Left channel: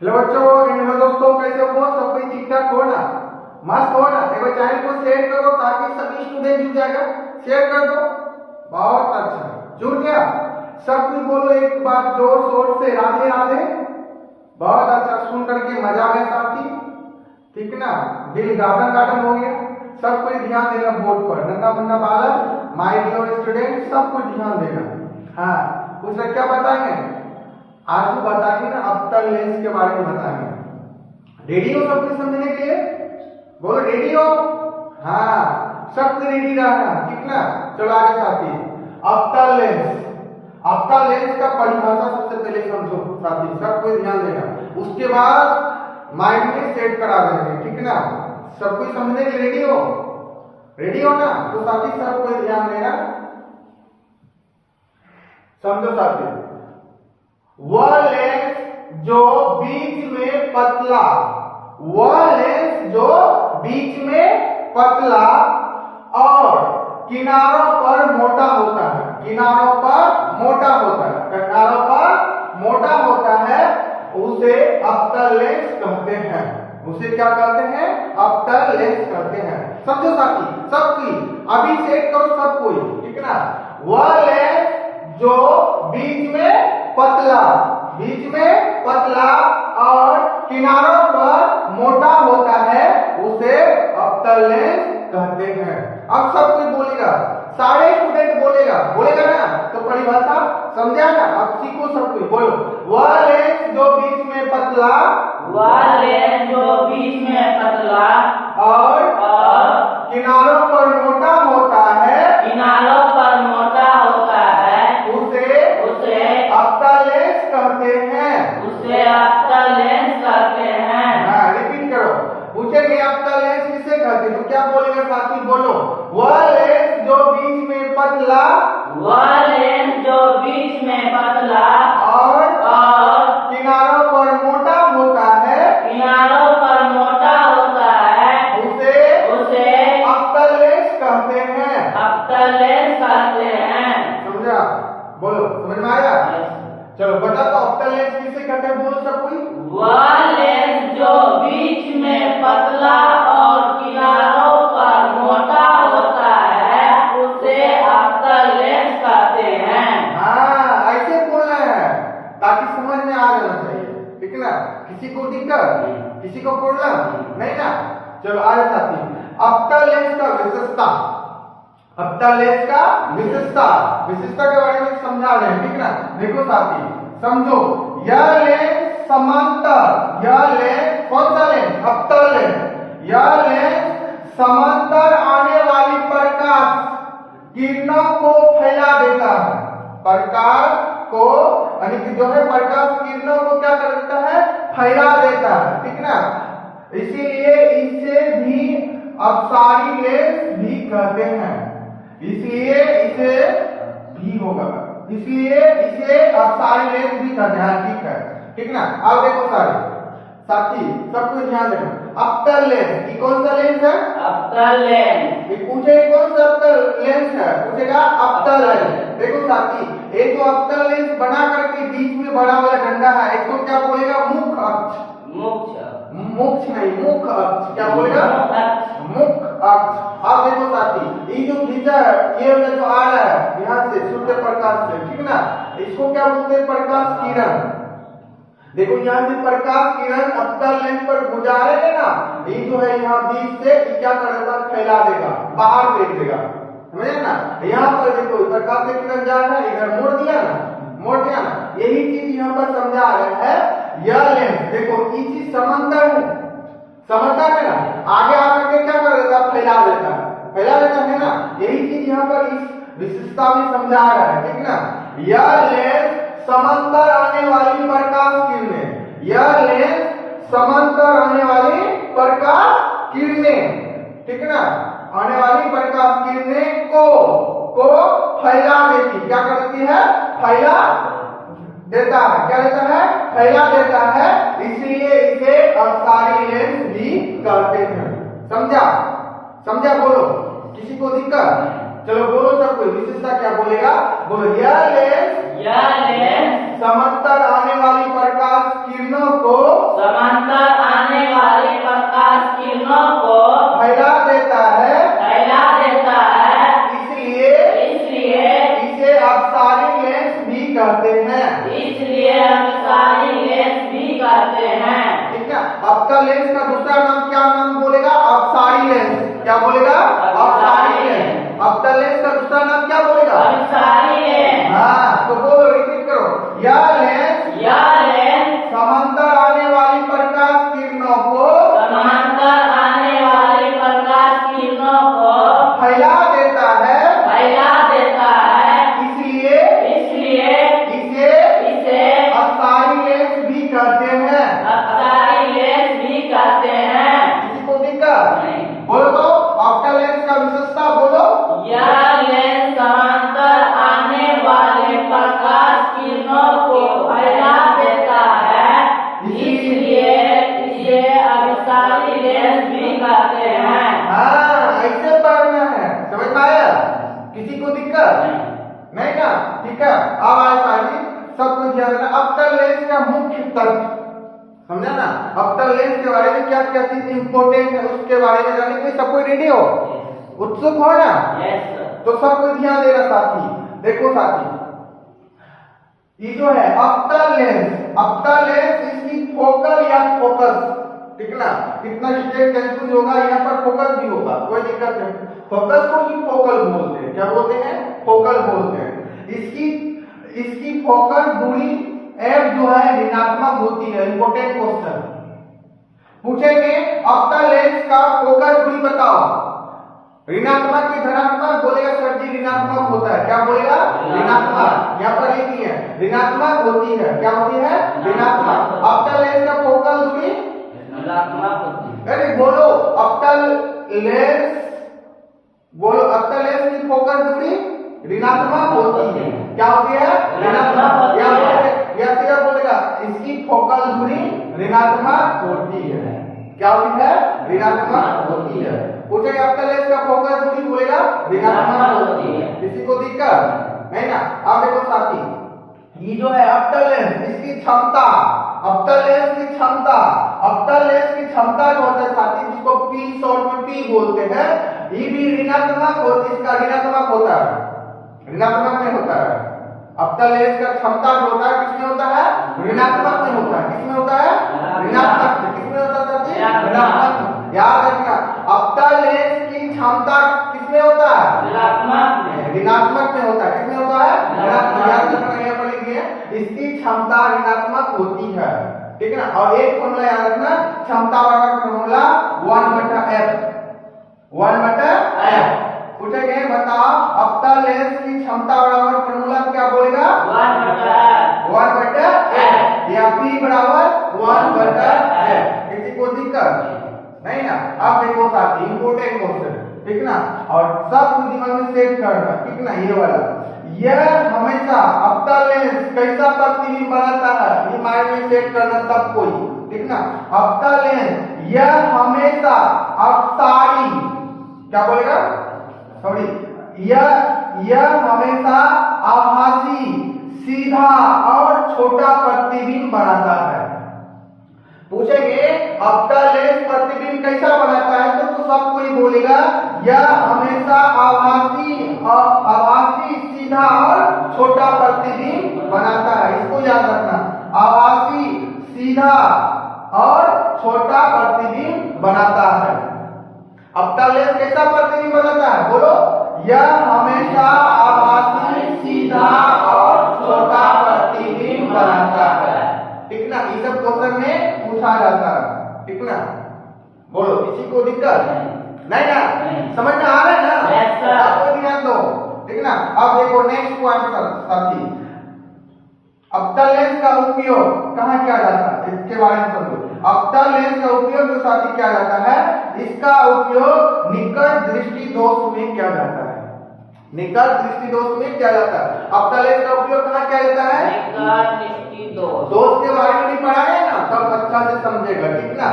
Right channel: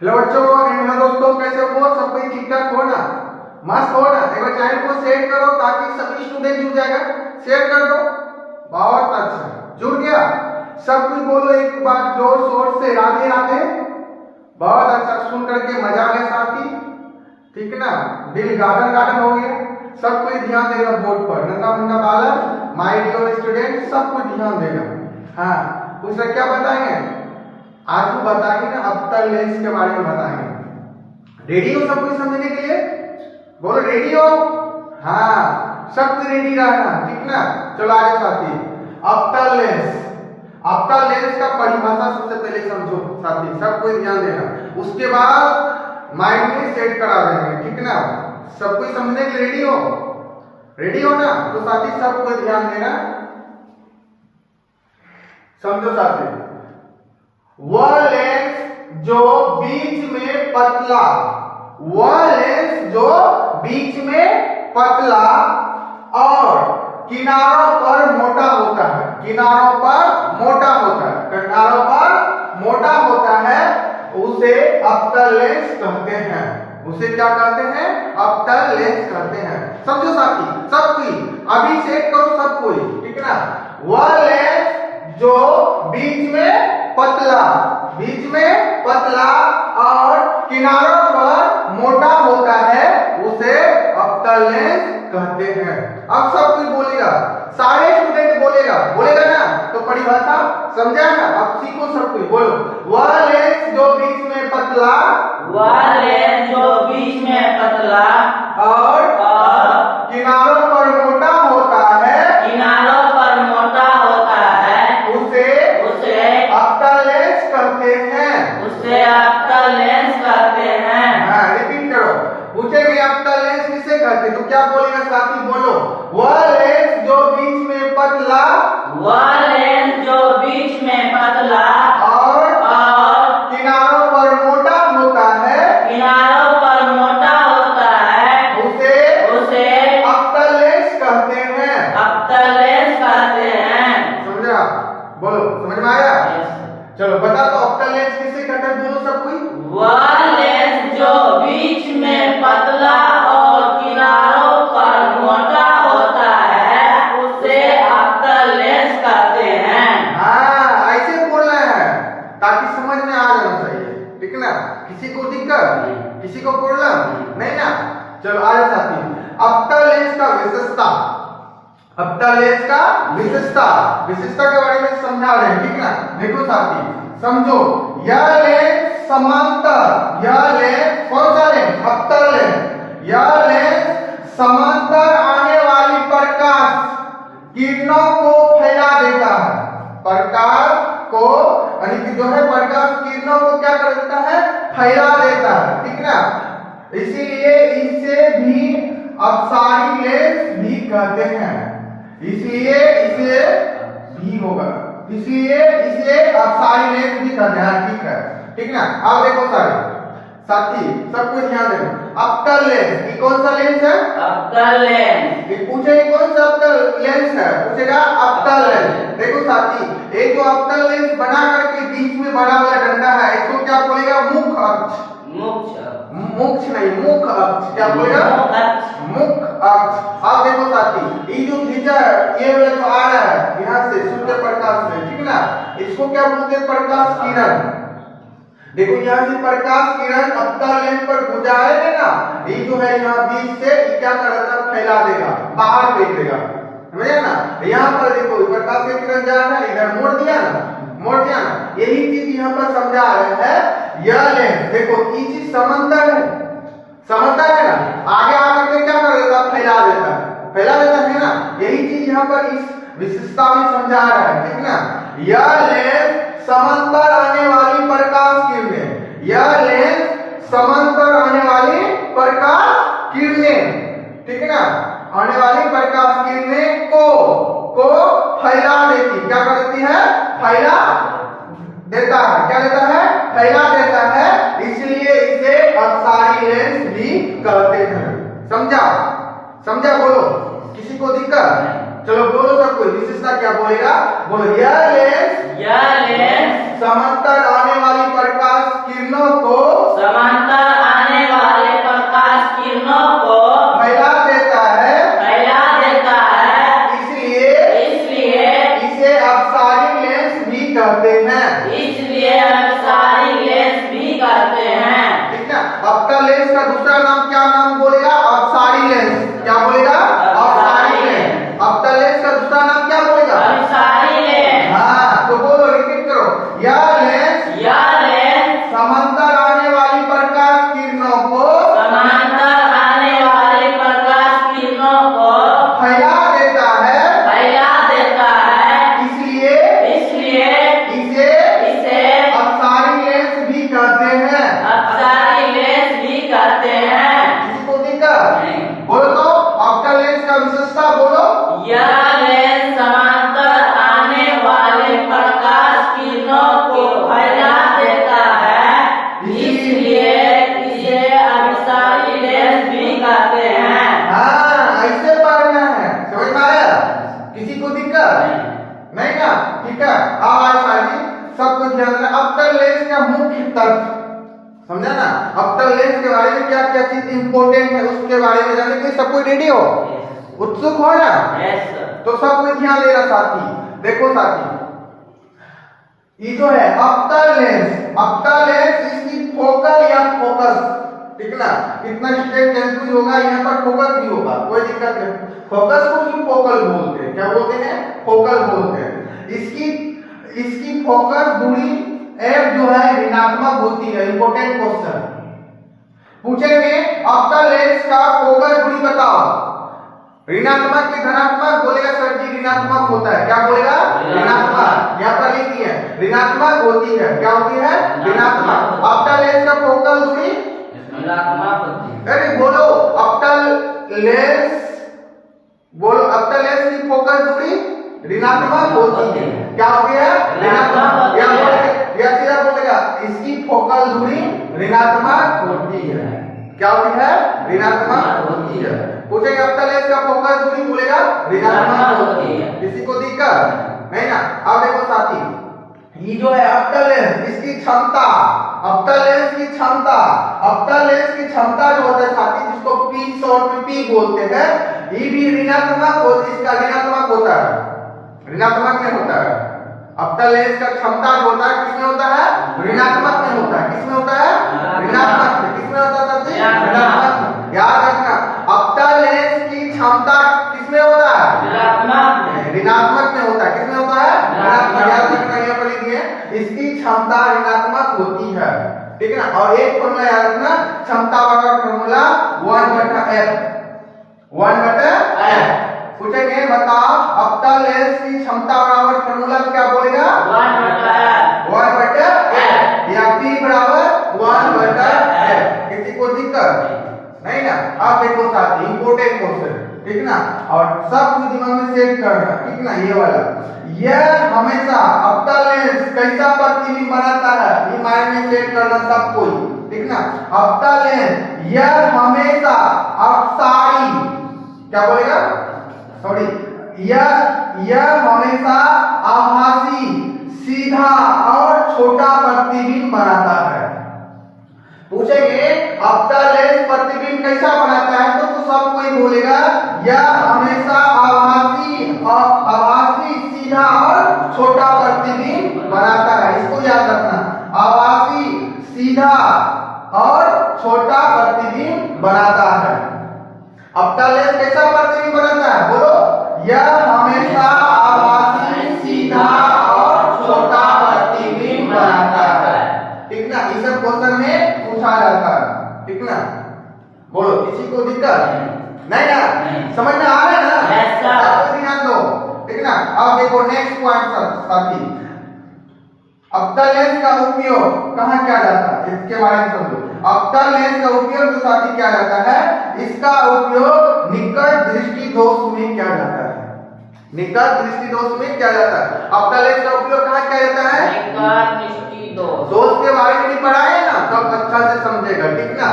Hello बच्चों, hello दोस्तों, कैसे हो? सब कोई ठीक ठाक हो ना? मस्त हो ना? एक बार चैनल को शेयर करो ताकि सभी स्टूडेंट जुड़ जाएगा। शेयर कर दो। बहुत अच्छा, जुड़ गया। सब कुछ बोलो एक बार जोर शोर से, राधे राधे। बहुत अच्छा, सुन करके मजा आ गया साथी। ठीक है ना? दिल गार्डन गार्डन हो गया। सब कोई ध्यान देगा बोर्ड पर। नन्ना मुन्ना बालक, माय डियर स्टूडेंट, सब कुछ ध्यान देगा। हाँ, कुछ क्या बताएंगे आज? वो बताएंगे ना, अवतल लेंस के बारे में बताएंगे। रेडी हो सब कुछ समझने के लिए? बोलो रेडी हो? हाँ, सब कुछ रेडी रहना, ठीक ना? चलो आगे साथी। अवतल लेंस, अवतल लेंस का परिभाषा सबसे पहले समझो साथी, सब कोई ध्यान देना। उसके बाद माइंड में सेट करा देंगे, ठीक ना? सब कुछ समझने के लिए रेडी हो? रेडी हो ना? तो साथी सब कोई ध्यान देना, समझो साथी। वह लेंस जो बीच में पतला, वह लेंस जो बीच में पतला और किनारों पर मोटा होता है, किनारों पर मोटा होता है, किनारों पर मोटा होता है, उसे अवतल लेंस कहते हैं। उसे क्या कहते हैं? अवतल लेंस कहते हैं। समझो साथी, सब कोई अभी सेट करो, सब कोई, ठीक ना? वह लेंस जो बीच में पतला, बीच में पतला और किनारों पर मोटा होता है, उसे अवतल लेंस कहते हैं। अब सब कोई बोलेगा, सारे स्टूडेंट बोलेगा, बोलेगा ना? तो परिभाषा समझा ना? अब सीखो सब कोई, बोलो। वह लेंस जो बीच में पतला, वह लेंस जो बीच में पतला और किनारों पर मोटा होता है, किनारों पर मोटा होता है, उसे अवतल लेंस कहते हैं। उसे अवतल लेंस कहते हैं। हाँ, रिपीट करो। पूछेंगे अवतल लेंस किसे कहते हैं, तो क्या बोलेगा साथी? बोलो। वह लेंस जो बीच में पतला, वह लेंस जो बीच में पतला और किनारों पर मोटा होता है, किनारों पर मोटा होता है, उसे अवतल लेंस कहते हैं। अवतल लेंस कहते हैं। समझा? बोलो, समझ में आया? चलो बता दो, अवतल लेंस किसे कहते हैं? बोलो सब कोई। वह लेंस जो बीच में पतला और किनारों पर मोटा होता है, उसे अवतल लेंस कहते हैं। हाँ, ऐसे बोलना है ताकि समझ में आ जाना चाहिए, ठीक है ना? किसी को दिक्कत, किसी को प्रॉब्लम नहीं ना? चलो आगे साथी। अवतल लेंस का विशेषता, अवतल लेंस का विशेषता, विशेषता के बारे में समझा रहे हैं, ठीक ना? देखो साथी, समझो। यह लेंस समांतर, यह लेंस कौन सा लेंस? अवतल लेंस। यह लेंस समांतर आने वाली प्रकाश किरणों को फैला देता है, प्रकाश को, यानी कि जो है प्रकाश किरणों को क्या कर देता है? फैला देता है, ठीक ना? इसीलिए इसे भी अपसारी लेंस भी कहते हैं। इसलिए इसे भी होगा, इसलिए इसे अपसारी लेंस भी कहते हैं, ठीक है? ठीक ना? अब देखो साथी, सब कुछ ध्यान देना। अवतल लेंस, ये कौन सा लेंस है? अवतल लेंस। ये पूछे कौन सा अवतल लेंस है? पूछेगा अवतल लेंस। देखो साथी, एक जो अवतल लेंस बना करके बीच में बड़ा हुआ डंडा है, इसको क्या बोलेगा? मुख अक्ष। मुख नहीं, मुख अक्ष। क्या बोलेगा? मुख अक्ष। अब देखो साथी, ये जो खींचा है, ये वाला जो आ रहा है यहाँ से सूर्य प्रकाश से, ठीक ना? इसको क्या बोलते हैं? प्रकाश किरण। देखो यहाँ से प्रकाश किरण अवतल लेंस पर गुजारेगा ना, ये जो है यहाँ बीच से ये क्या करेगा? फैला देगा, बाहर फेंक देगा, समझे ना? यहाँ पर देखो प्रकाश की किरण जा रहा है, इधर मोड़ दिया ना, मोड़ दिया ना। यही चीज यहाँ पर समझा रहे हैं। यह लेंस देखो, ये चीज समांतर है, समांतर है ना? आगे आकर के क्या कर देता? फैला देता है, फैला देता है ना? यही चीज यहाँ पर इस विशेषता में समझा रहा है, ठीक ना? यह लेंस समांतर आने वाली प्रकाश किरणें, यह लेंस समांतर आने वाली प्रकाश किरणें, ठीक है ना? आने वाली प्रकाश किरणें को फैला देती, क्या करती है? फैला देता है, क्या देता है? फैला देता है, इसलिए इसे अपसारी लेंस भी कहते हैं। समझा? समझा? बोलो, किसी को दिक्कत? चलो बोलो सब कोई विशेषता क्या बोलेगा, बोलो यह लेंस समांतर आने वाली प्रकाश किरणों को फैला देता है, इसलिए इसे अपसारी लेंस भी कहते हैं। ठीक है, अपतल लेंस का दूसरा नाम क्या नाम बोलेगा, अपसारी लेंस। क्या बोलेगा, अपसारी लेंस। अपतल लेंस का दूसरा नाम क्या बोलेगा, हाँ तो बोलो, रिपीट करो, यह लेंस समांतर आने वाली प्रकाश किरणों को फैला देता है, इसलिए इसे अपसारी लेंस भी कहते हैं। किसी को दिक्कत बोलो तो अपतल लेंस का विशेषता बोलो, समांतर आने वाले प्रकाश किरणों को फैला देता है, इसलिए इसे अपसारी लेंस भी कहते हैं। हाँ ऐसे पढ़ना है, समझ में आया? किसी को दिक्कत नहीं ना? ठीक है, अब आए सारी सब कुछ ध्यान रखना। अपतल लेंस का मुख्य तत्व समझा ना, अपतल लेंस के बारे में क्या क्या चीज इंपॉर्टेंट है उसके बारे में जानने के लिए सब कोई रेडी हो, उत्सुक हो ना? तो सब कोई ध्यान दे रहा साथी। देखो साथी, ये जो है अपतल लेंस इसकी फोकल या फोकस, ठीक ना, कितना स्ट्रेट कंफ्यूज होगा, यहाँ पर फोकस भी होगा, कोई दिक्कत नहीं। फोकस को ही फोकल बोलते हैं, क्या बोलते हैं, फोकल बोलते हैं। इसकी फोकस दूरी f जो है ऋणात्मक होती है। इंपॉर्टेंट क्वेश्चन पूछेंगे, अपतल लेंस का फोकस दूरी बताओ, ऋणात्मक की धनात्मक, बोलेगा सर जी ऋणात्मक होता है। क्या बोलेगा, ऋणात्मक। यहाँ पर लिखी है ऋणात्मक होती है, क्या होती है, ऋणात्मक। अपतल लेंस का फोकल दूरी अरे बोलो, अपतल लेंस की फोकस दूरी ऋणात्मक होती है, क्या होती है, ऋणात्मक। या सिर्फ बोलेगा इसकी फोकल दूरी ऋणात्मक होती है, क्या होती है, ऋणात्मक होती है। पूछेंगे अपतल लेंस का फोकस दूरी, बोलेगा ऋणात्मक होती है। किसी को दिक्कत नहीं ना? अब देखो साथी, ये जो है अपतल लेंस, इसकी क्षमता, अपतल लेंस की क्षमता जो होता है साथी, जिसको P शॉर्ट में P बोलते हैं, ये भी ऋणात्मक होती है, इसका ऋणात्मक होता है, ऋणात्मक में होता है। अपतल लेंस का क्षमता जो होता है किसमें होता है, ऋणात्मक में होता है। किसमें होता है, ऋणात्मक में। किसमें होता है साथी, ऋणात्मक में। याद रखना, अपतल लेंस की क्षमता किसमें होता है, ऋणात्मक में होता है। किसमें होता है, ऋणात्मक। याद रखना, यहाँ पर लिखिए, इसकी क्षमता ऋणात्मक होती है, ठीक है ना। और एक फॉर्मूला याद रखना, क्षमता वाला फॉर्मूला 1/f। पूछेंगे बताओ अपतल लेंस की क्षमता बराबर फॉर्मूला क्या बोलेगा, 1/f या P बराबर 1/f। किसी को दिक्कत नहीं ना? अब देखो साथ इंपॉर्टेंट क्वेश्चन, ठीक ना, और सब कुछ दिमाग में सेट करना, ठीक ना। ये वाला, यह हमेशा अपतल लेंस कैसा प्रतिबिंब बनाता है, ये माइंड में सेट करना सब कोई, ठीक ना। अपतल लेंस यह हमेशा अपसारी, क्या बोलेगा, सॉरी, यह हमेशा आभासी, सीधा और छोटा प्रतिबिंब बनाता है। पूछेंगे अपतल लेंस प्रतिबिंब कैसा बनाता है, तो सब कोई बोलेगा यह हमेशा आभासी, सीधा और छोटा प्रतिबिंब बनाता है। इसको याद रखना, आभासी, सीधा और छोटा प्रतिबिंब बनाता है। अपतल लेंस कैसा प्रतिबिंब बनाता है, बोलो, यह हमेशा आभासी, सीधा और छोटा प्रतिबिंब बनाता है, ठीक ना। इस क्वेश्चन में पूछा जाता है, ठीक ना। बोलो, किसी को दिक्कत नहीं ना? समझ में आ रहा है ना? ध्यान दो, ठीक ना। अब देखो नेक्स्ट पॉइंट साथी, अपतल लेंस का उपयोग कहाँ किया जाता है, इसके बारे में समझो। अपतल लेंस का उपयोग जो साथी किया जाता है, इसका उपयोग निकट दृष्टि दोष में किया जाता है। निकट दृष्टि दोष में किया जाता है। अपतल लेंस का उपयोग कहाँ किया जाता है, निकट दृष्टि दोष। दोष के बारे में नहीं पढ़ा है ना, तब अच्छा से समझेगा, ठीक ना।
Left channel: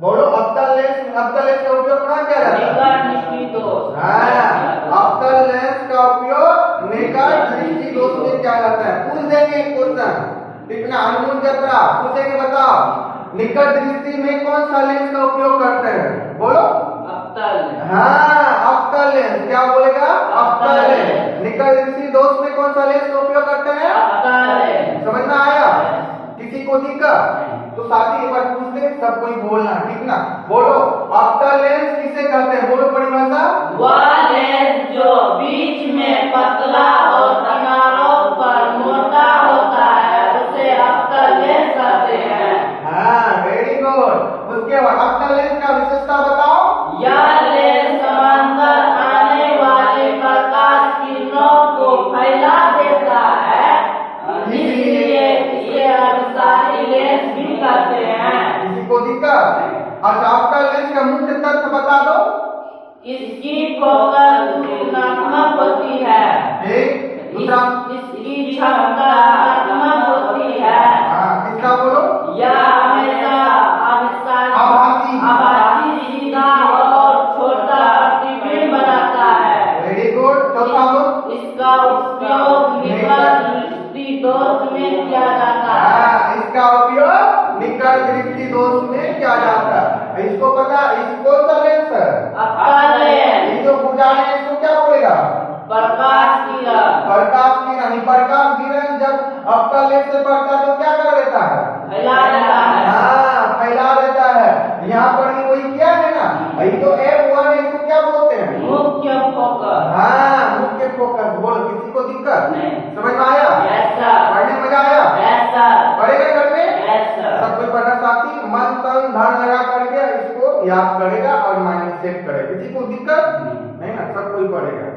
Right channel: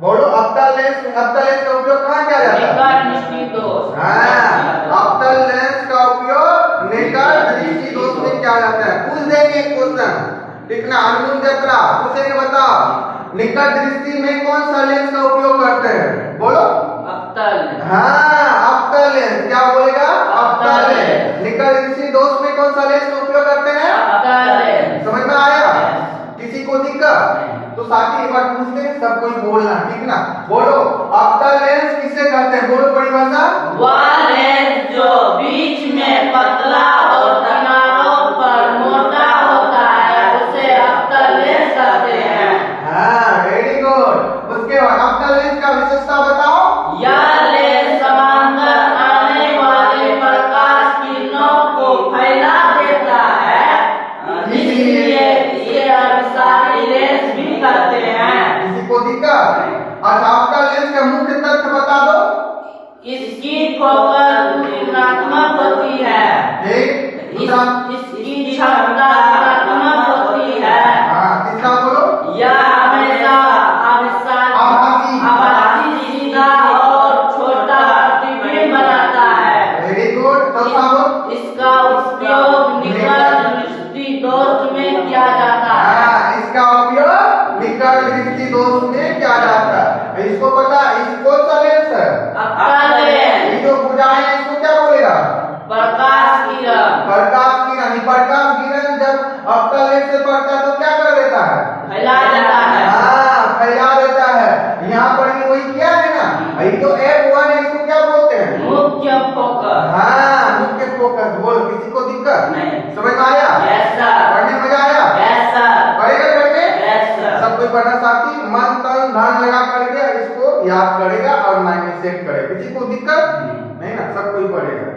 बोलो अवतल लेंस का उपयोग कहाँ किया जाता है? निकट दृष्टि दोष। हाँ, अवतल लेंस का उपयोग निकट दृष्टि दोष में किया जाता है। पूछ देंगे क्वेश्चन, ठीक ना? अनुमान जत्रा पूछेंगे, बताओ निकट दृष्टि में कौन सा लेंस का उपयोग करते हैं? बोलो अवतल। हाँ, अवतल लेंस। क्या बोलेगा? अवतल लेंस। निकट दृष्टि दोष में कौन सा लेंस का उपयोग करते हैं? अवतल लेंस। समझ में आया? किसी को दिक्कत? तो साथी एक बार पूछते हैं, सब कोई बोलना, ठीक ना? बोलो अवतल लेंस किसे कहते हैं? बोलो बड़ी भाषा। वह लेंस जो बीच में पतला और किनारों पर मोटा होता है उसे अवतल लेंस कहते हैं। हाँ, वेरी गुड। उसके बाद अवतल लेंस का विशेषता बताओ। यह लेंस समांतर आने वाले प्रकाश किरणों को फैला देता है, इसलिए इसे अभिसारी लेंस भी कहते हैं। किसी को दिक्कत? अच्छा, अवतल लेंस का मुख्य तथ्य बता दो। इसकी फोकस तुलनात्मक होती है। ठीक, दूसरा? इसकी क्षमता तुलनात्मक होती है। हाँ, तीसरा बोलो। यह हमेशा आभासी सीधा और छोटा प्रतिबिंब बनाता है। Very good. चौथा बोलो। इसका उपयोग निकट दृष्टि दोष में किया जाता है। हाँ, इसका उपयोग निकट दृष्टि दोष में किया जाता है। इसको पता, इसको सा लेंस है अवतल लेंस। ये जो बुझाएं है, इसको क्या बोलेगा? प्रकाश किरण। प्रकाश किरण। प्रकाश किरण जब अवतल लेंस से पड़ता है तो क्या कर देता है? फैला देता है। हाँ, फैला देता है। यहाँ पर भी वही किया है ना? ये जो F1 है, इसको क्या बोलते हैं? मुख्य फोकस। हाँ, मुख्य फोकस। बोल, किसी को दिक्कत? नहीं। समझ में आया? Yes sir. पढ़ने में मजा आया? Yes sir. पढ़ेगा घर में? Yes sir. सब कोई पढ़ना साथी मन तन धन लगा करके इसको याद करेगा और माइंड में सेट करेगा। किसी को दिक्कत नहीं ना? सब कोई पढ़ेगा।